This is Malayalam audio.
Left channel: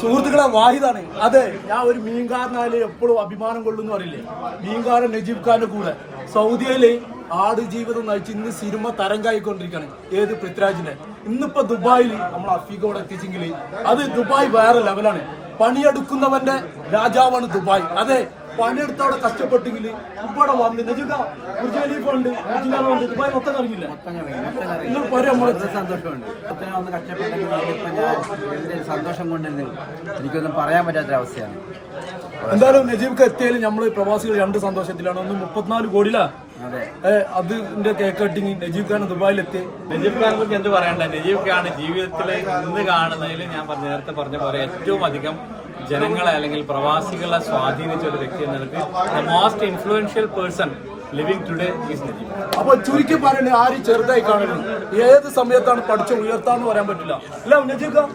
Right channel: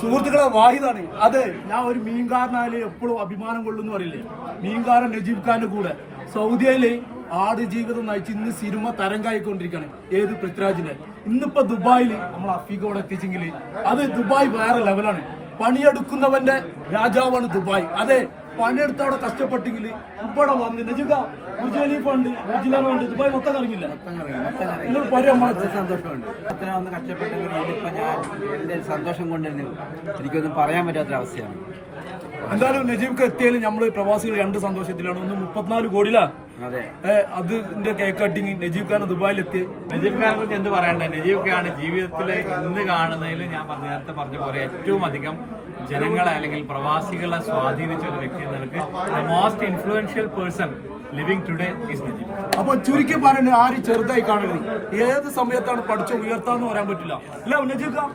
സുഹൃത്തുക്കളെ വാഹിദാണ്. അതെ, ഞാൻ ഒരു മീൻകാരനായാലും എപ്പോഴും അഭിമാനം കൊള്ളുന്നു പറയില്ലേ, മീൻകാരൻ നജീബ് ഖാന്റെ കൂടെ സൗദിയില് ആട് ജീവിതം നയിച്ച് ഇന്ന് സിനിമ തരംഗായിക്കൊണ്ടിരിക്കുകയാണ്. ഏത് പൃഥ്വിരാജിന്റെ. ഇന്നിപ്പോ ദുബായിൽ നമ്മൾ അഫീഖ ഇവിടെ എത്തിച്ചെങ്കിൽ അത് ദുബായ് വേറെ ലെവലാണ്. പണിയെടുക്കുന്നവന്റെ രാജാവാണ് ദുബായ്. അതെ, പണിയെടുത്തവിടെ കഷ്ടപ്പെട്ടെങ്കിൽ ഇവിടെ വന്ന് നജീബ് ഫണ്ട് ദുബായ് മൊത്തം ഇറങ്ങില്ല. നിങ്ങൾ പറയാം, സന്തോഷമുണ്ട്. ഒന്ന് കഷ്ടപ്പെട്ടെങ്കിൽ ഇതിപ്പോ ഞാൻ എന്റെ സന്തോഷം കൊണ്ടെന്ന് എനിക്കൊന്നും പറയാൻ പറ്റാത്തൊരവസ്ഥയാണ്. എന്തായാലും നജീബ്ക്ക് എത്തിയാലും നമ്മള് പ്രവാസികൾ രണ്ട് സന്തോഷത്തിലാണ്. ഒന്ന് 34 കോടിയിലാണ് അതിന്റെ കേക്ക് കട്ടിങ്. നജീബ് ഖാൻ ദുബായിലെത്തി. നജീബ് ഖാനെ പറ്റി എന്ത് പറയണ്ട. നജീബ് ഖാൻ ജീവിതത്തിൽ ഇന്ന് കാണുന്നതിൽ ഞാൻ നേരത്തെ പറഞ്ഞ പോലെ ഏറ്റവും അധികം ജനങ്ങളെ അല്ലെങ്കിൽ പ്രവാസികളെ സ്വാധീനിച്ച ഒരു വ്യക്തി എന്ന നിലയ്ക്ക് the most influential person living today is Najeeb. അപ്പൊ ചുരുക്കി പറയണ്ടേ, ആരും ചെറുതായി കാണരുത്. ഏത് സമയത്താണ് പഠിച്ച് ഉയർത്താന്ന് പറയാൻ പറ്റില്ല. അല്ല നജീബ് ഖാൻ